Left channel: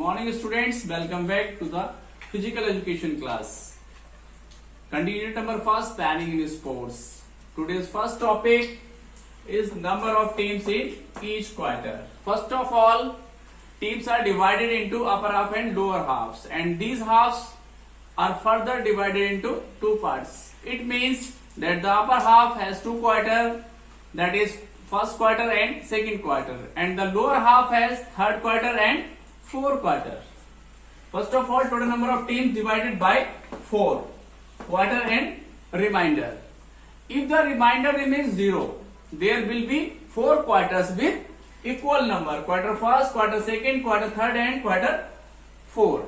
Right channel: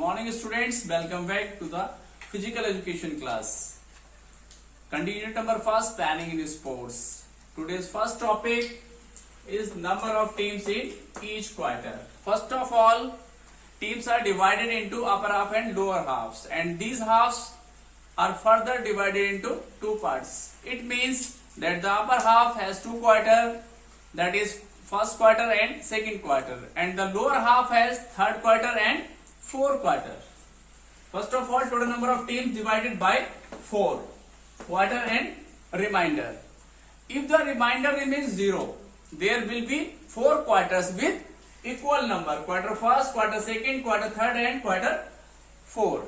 morning students, welcome back to the physical education class. Continue number first, planning in sports. Today's first topic is number of teams in each quarter. First of all, teams are divided into upper half and lower halves, and these halves are further divided into two parts. It means that the upper half has two quarters, that is first quarter and second quarter, and the lower half has third quarter and fourth quarter. First of all, total number of teams divided by 4, quarter and remainder. If the remainder remains 0, there will be 4 quarters with equal number, quarter first, quarter second, quarter third and quarter fourth.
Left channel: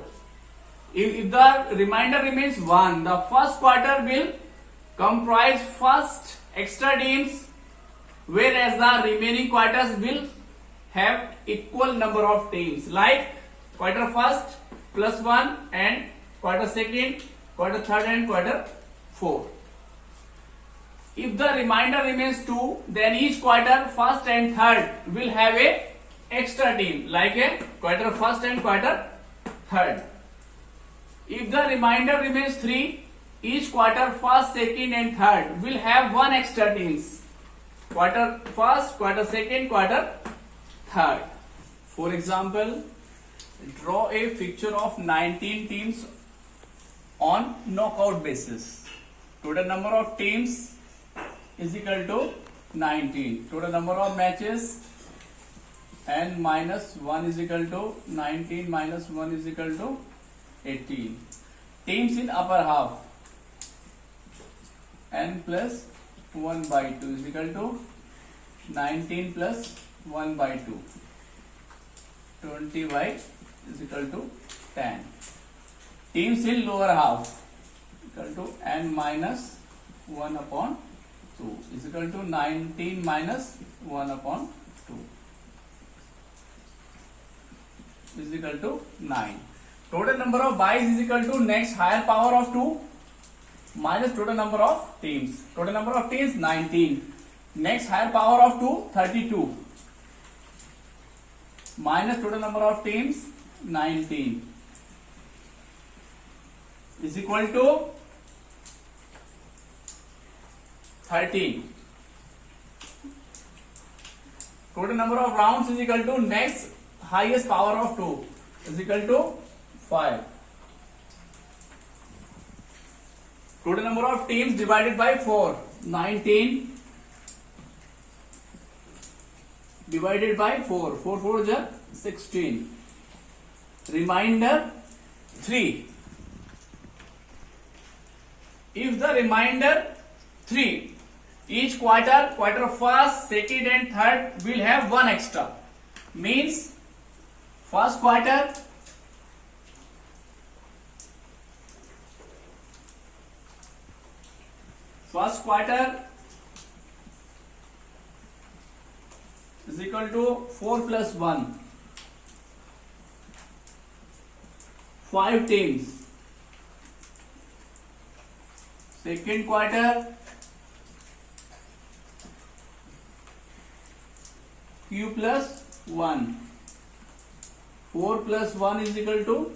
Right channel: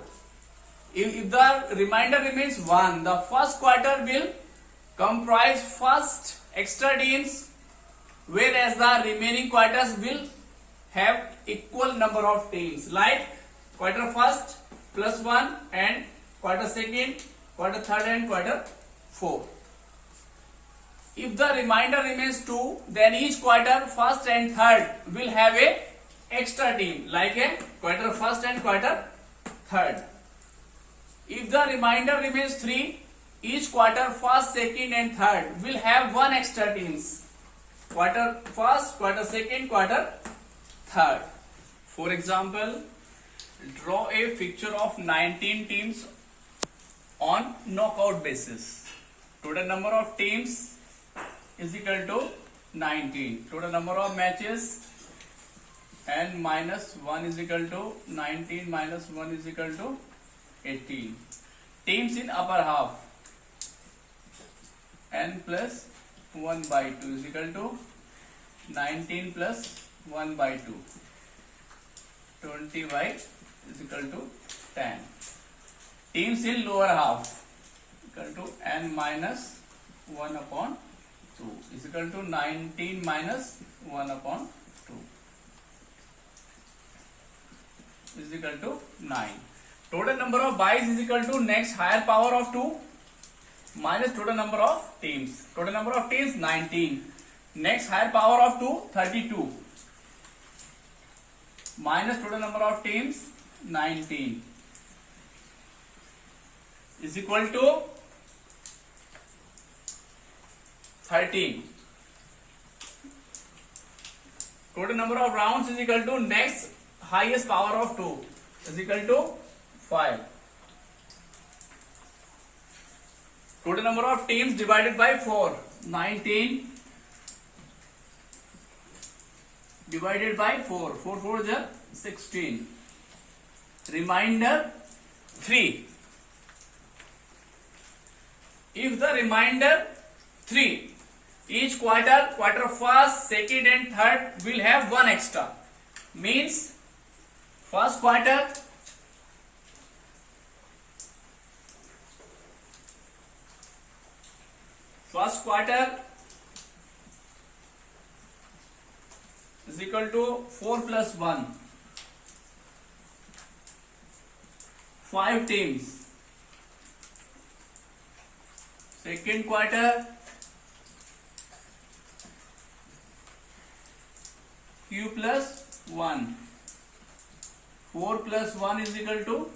If the remainder remains 1, the first quarter will comprise first extra teams, whereas the remaining quarters will have equal number of teams, like quarter first plus 1 and quarter second, quarter third and quarter fourth. If the remainder remains 2, then each quarter first and third will have a extra team, like a quarter first and quarter third. If the remainder remains 3, each quarter first, second and third will have one extra teams, quarter first, quarter second, quarter third. For example, draw a picture of 19 teams on knockout basis. Total number of teams is equal to 19. Total number of matches n minus 1 is equal to 19 minus 1 is equal to 18. Teams in upper half, n plus 1 by 2 is equal to 19 plus 1 by 2. 20 by is equal to 10. Teams in lower half equal to n minus 1 upon 2 is equal to 19 minus 1 upon 2 is equal to 9. Total number of byes is equal to next higher power of 2 minus total number of teams. Total number of teams 19. Next higher power of 2 32 minus total number of teams 19 is equal to 13. Total number of rounds is equal to next highest power of 2 is equal to 5. Total number of teams divided by 4, 19 divided by 4, 4 4 is 16. Remainder 3. If the remainder 3, each quarter first, second and third will have one extra. Means first quarter is equal to 4 plus 1, 5 teams. Second quarter q plus 1, 4 plus 1 is equal to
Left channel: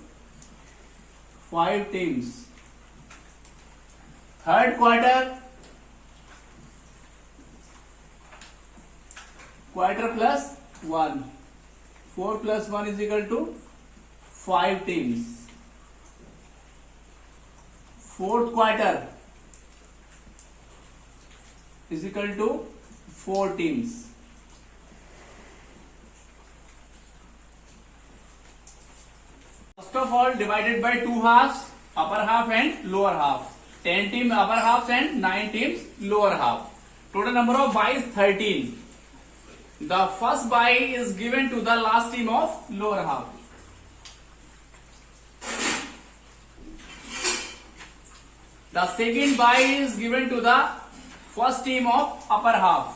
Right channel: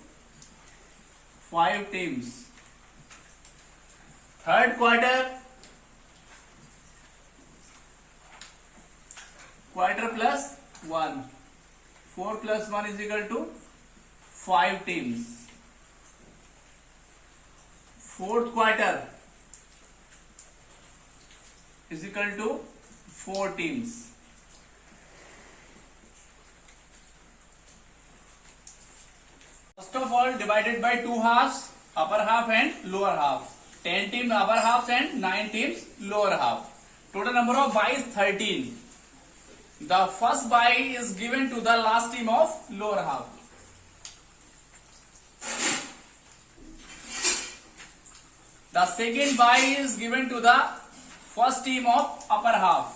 5 teams. Third quarter plus 1, 4 plus 1 is equal to 5 teams. Fourth quarter is equal to 4 teams. First of all, divided by 2 halves, upper half and lower half. 10 teams upper half and 9 teams lower half. Total number of byes 13. The first bye is given to the last team of lower half. The second bye is given to the first team of upper half.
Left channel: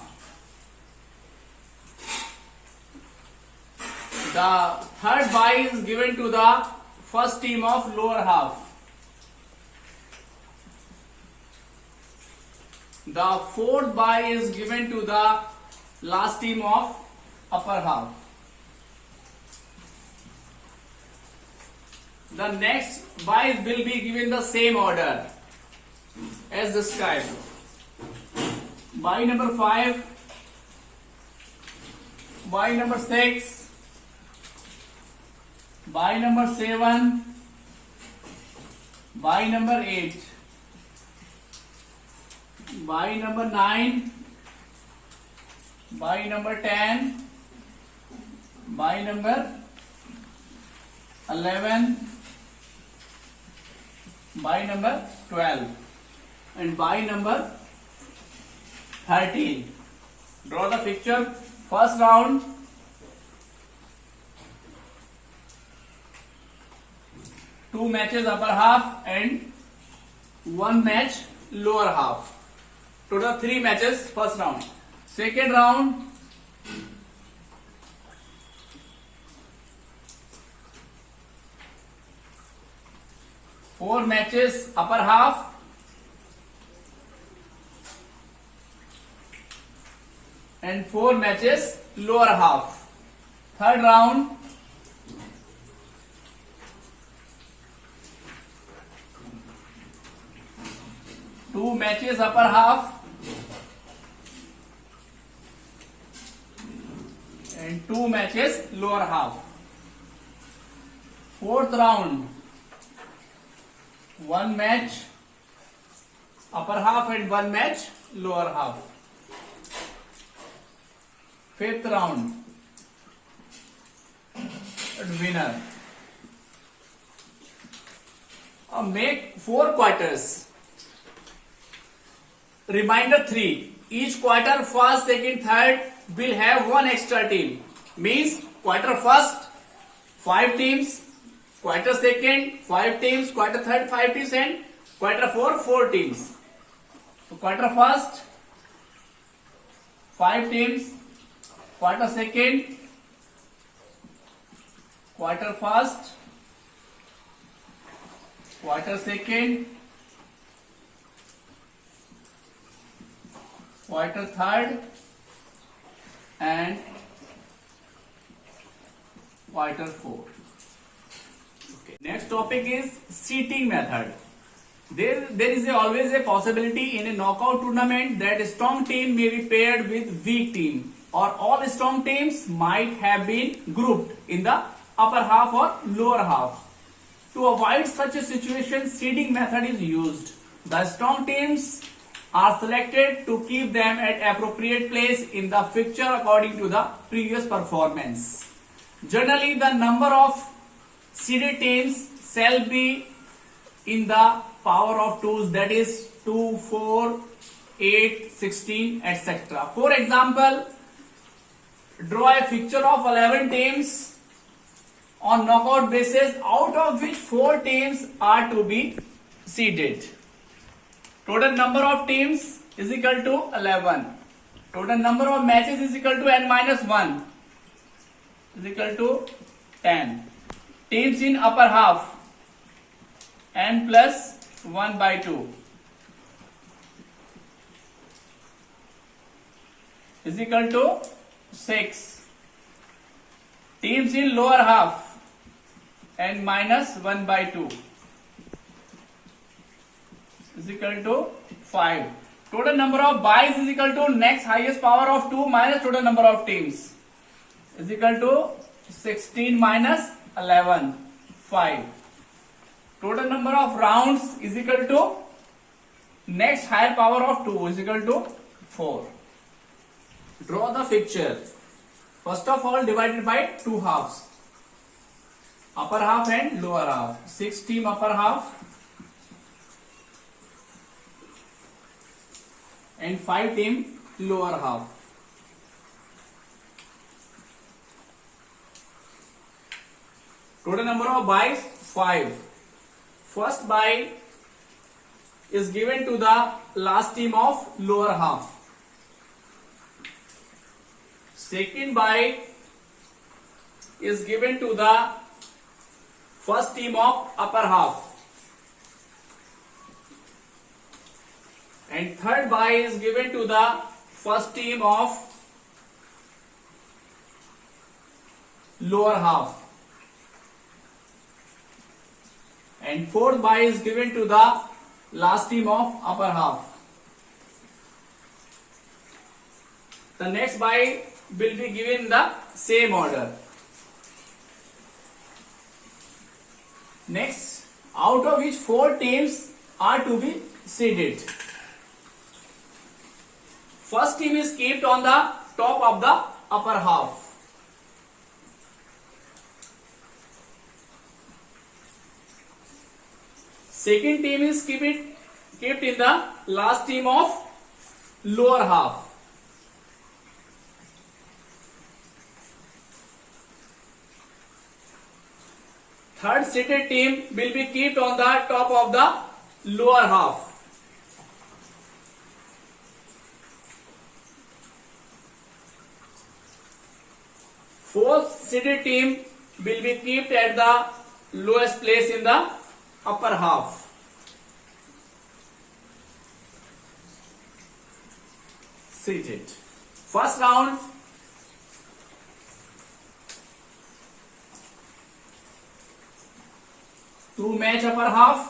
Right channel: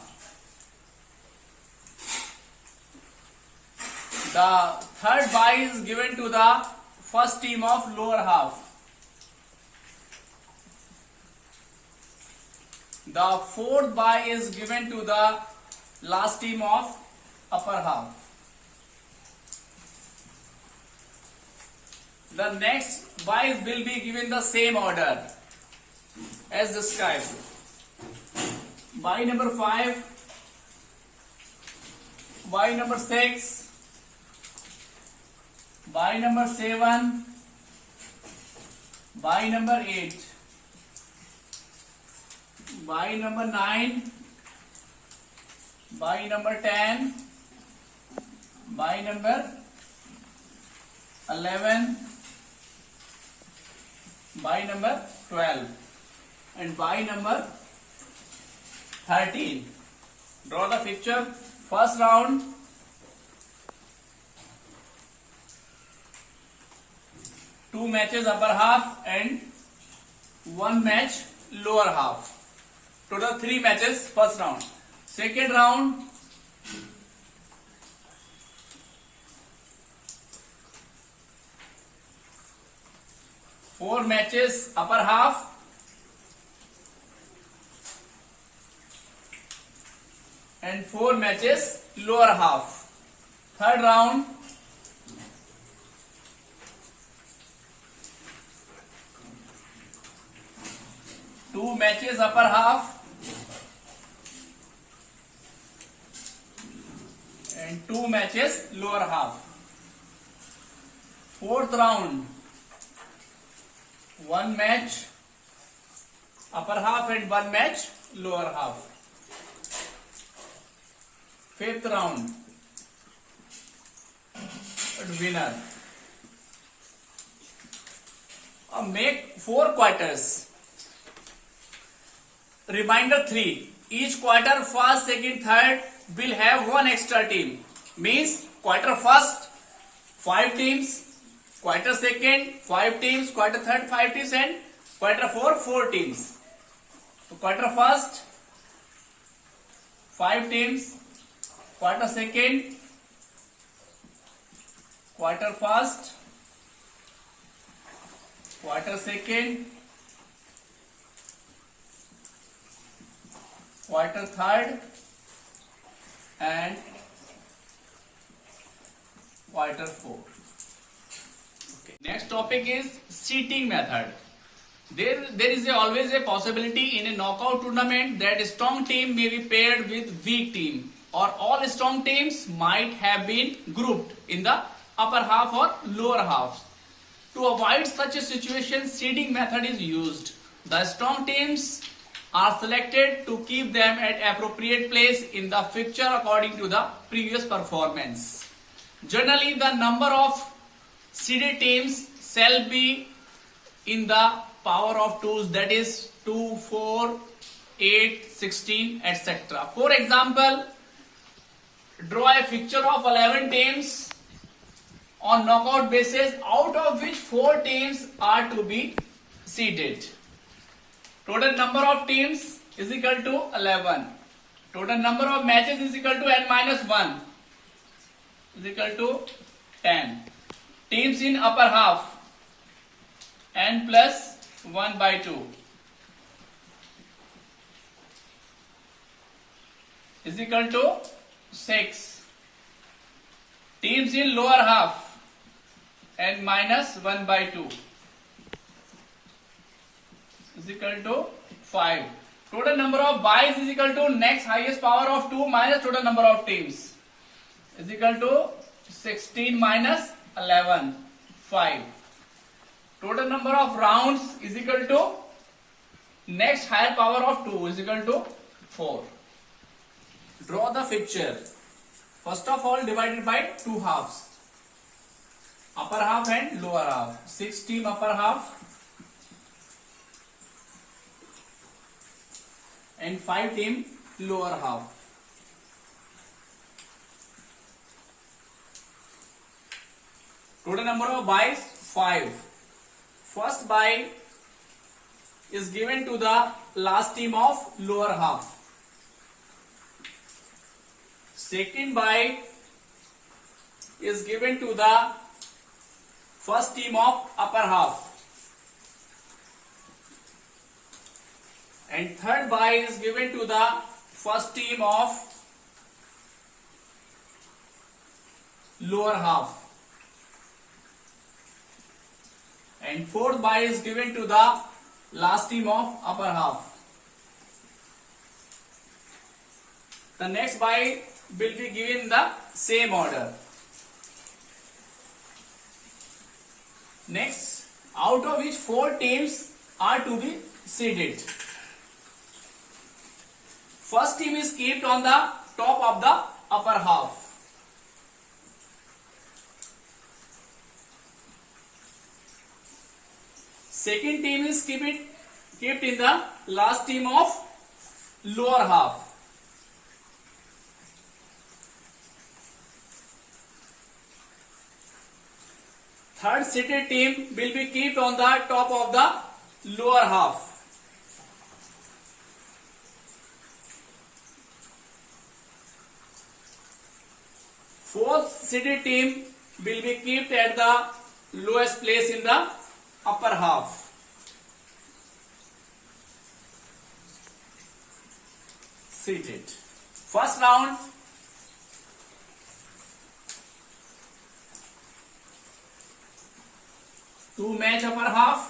The third bye is given to the first team of lower half. The fourth bye is given to the last team of upper half. The next buys will be given the same order as described. Buy number 5, buy number 6, buy number 7, buy number 8, buy number 9, buy number 10, buy number 11, buy number 12, and buy number 13. Draw the picture. First round, two matches upper half and one match lower half. Total 3 matches first round. Second round, four matches upper half and 4 matches lower half. Third round, two matches upper half and 2 matches lower half. Fourth round, one match upper half and one match lower half. Fifth round, winner. Make 4 quarters. Reminder 3. Each quarter, first, second, third will have one extra team. Means quarter first, 5 teams, quarter second, 5 teams, quarter third, 5 teams, and quarter fourth, 4 teams. So quarter first, 5 teams, quarter second, quarter first, quarter second, quarter third, and quarter fourth. Okay. Next topic is seeding method. There is always a possibility in a knockout tournament that a strong team may be paired with weak team, or all strong teams might have been grouped in the upper half or lower half. To avoid such a situation, seeding method is used. The strong teams are selected to keep them at appropriate place in the fixture according to the previous performance. Generally, the number of seeded teams shall be in the power of 2s, that is 2, 4, 8, 16, etc. For example, draw a fixture of 11 teams on knockout basis, out of which 4 teams are to be seeded. Total number of teams is equal to 11. Total number of matches is equal to n minus 1 is equal to 10. Teams in upper half, n plus 1 by 2 is equal to 6. Teams in lower half, n minus 1 by 2 is equal to 5. Total number of buys is equal to next highest power of 2 minus total number of teams is equal to 16 minus 11, 5. Total number of rounds is equal to next higher power of 2 is equal to 4. Draw the picture. First of all, divided by 2 halves. Upper half and lower half. 6 team upper half and 5 team lower half. Total number of buys 5. First buy is given to the last team of lower half. Second buy is given to the first team of upper half. And third buy is given to the first team of lower half. and fourth bye is given to the last team of upper half. The next bye will be given in the same order. Next, out of which 4 teams are to be seeded. First team is kept on the top of the upper half. Second team is kept in the last team of lower half. Third seeded team will be kept on the top of the lower half. Fourth seeded team will be kept at the lowest place in the upper half. Seated. First round. Two match upper half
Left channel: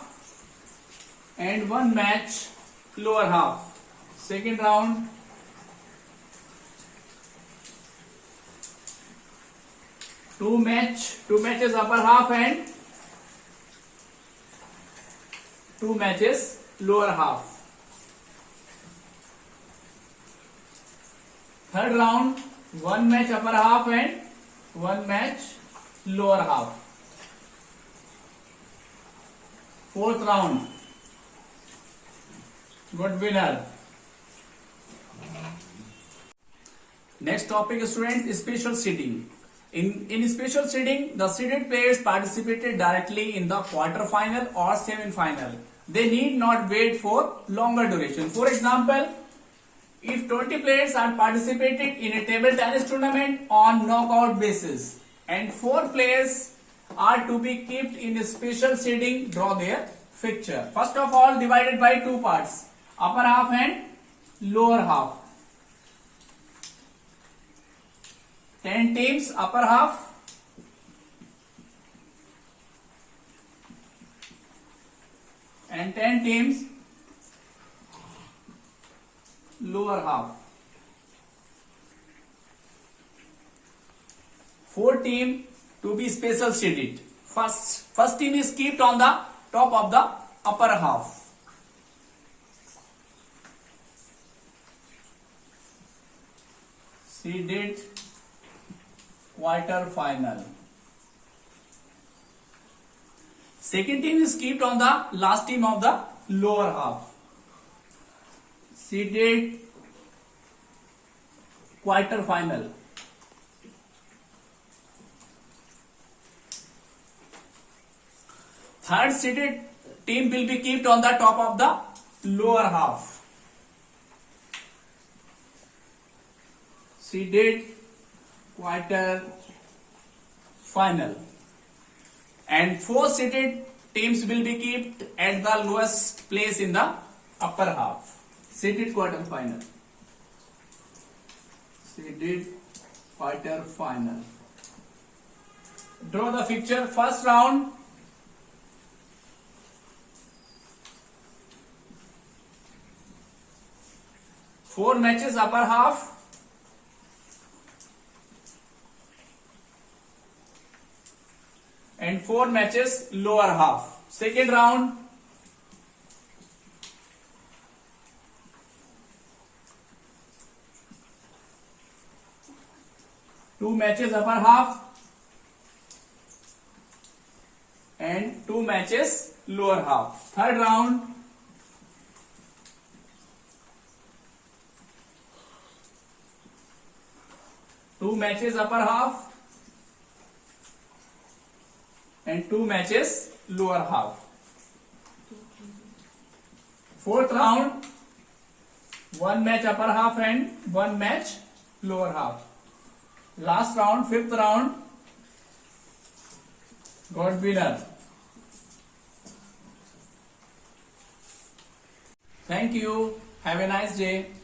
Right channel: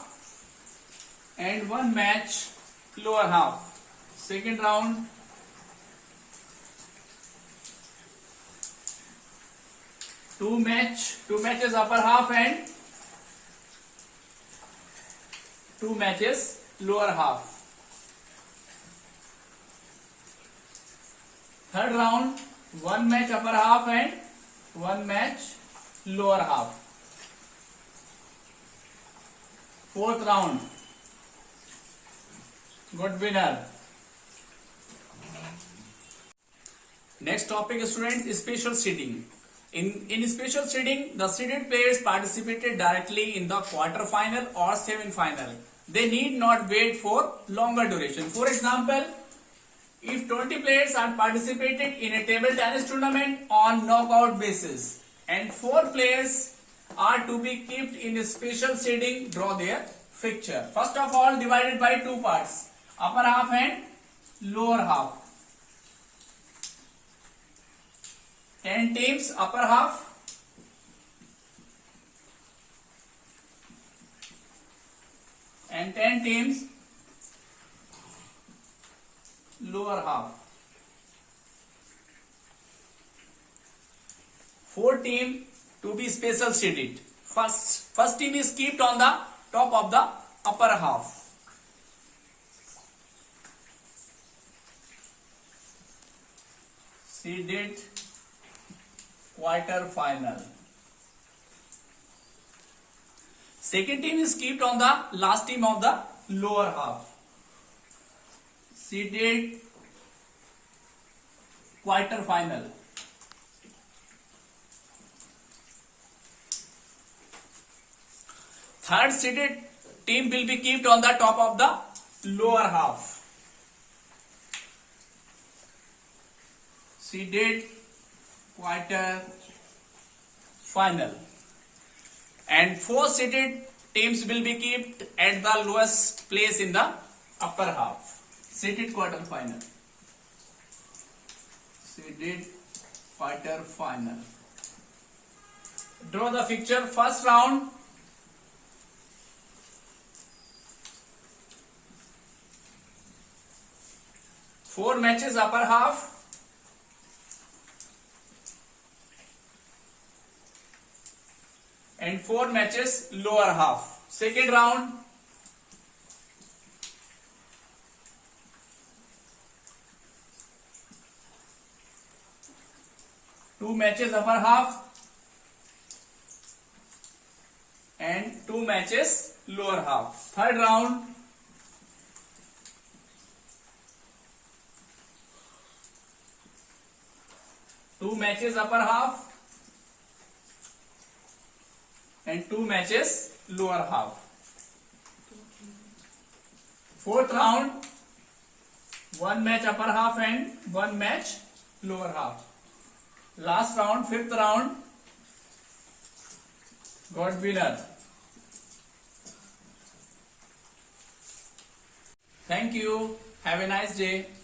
and one match lower half. Second round. Two matches upper half and two matches lower half. Third round, one match upper half and one match lower half. Fourth round, good winner. Next topic, students, special seeding. In special seeding, the seeded players participated directly in the quarter final or semi-final. They need not wait for longer duration. For example, if 20 players are participated in a table tennis tournament on knockout basis and 4 players are to be kept in a special seeding, draw their fixture. First of all, divided by 2 parts, upper half and lower half. 10 teams upper half and 10 teams lower half. 4 teams to be special seeded. First team is kept on the top of the upper half. Seeded quarter final. Second team is kept on the last team of the lower half. Seeded quarter final. Third seeded team will be kept on the top of the lower half. Seeded quarter final. And 4 seeded teams will be kept at the lowest place in the upper half. Seeded quarter final. Seeded quarter final. Draw the fixture. First round. Four matches upper half. And 4 matches lower half. Second round. Two matches upper half and 2 matches lower half. Third round. Two matches upper half and 2 matches lower half. Fourth round, 1 match upper half and 1 match lower half. Last round, fifth round, got winner. Thank you. Have a nice day.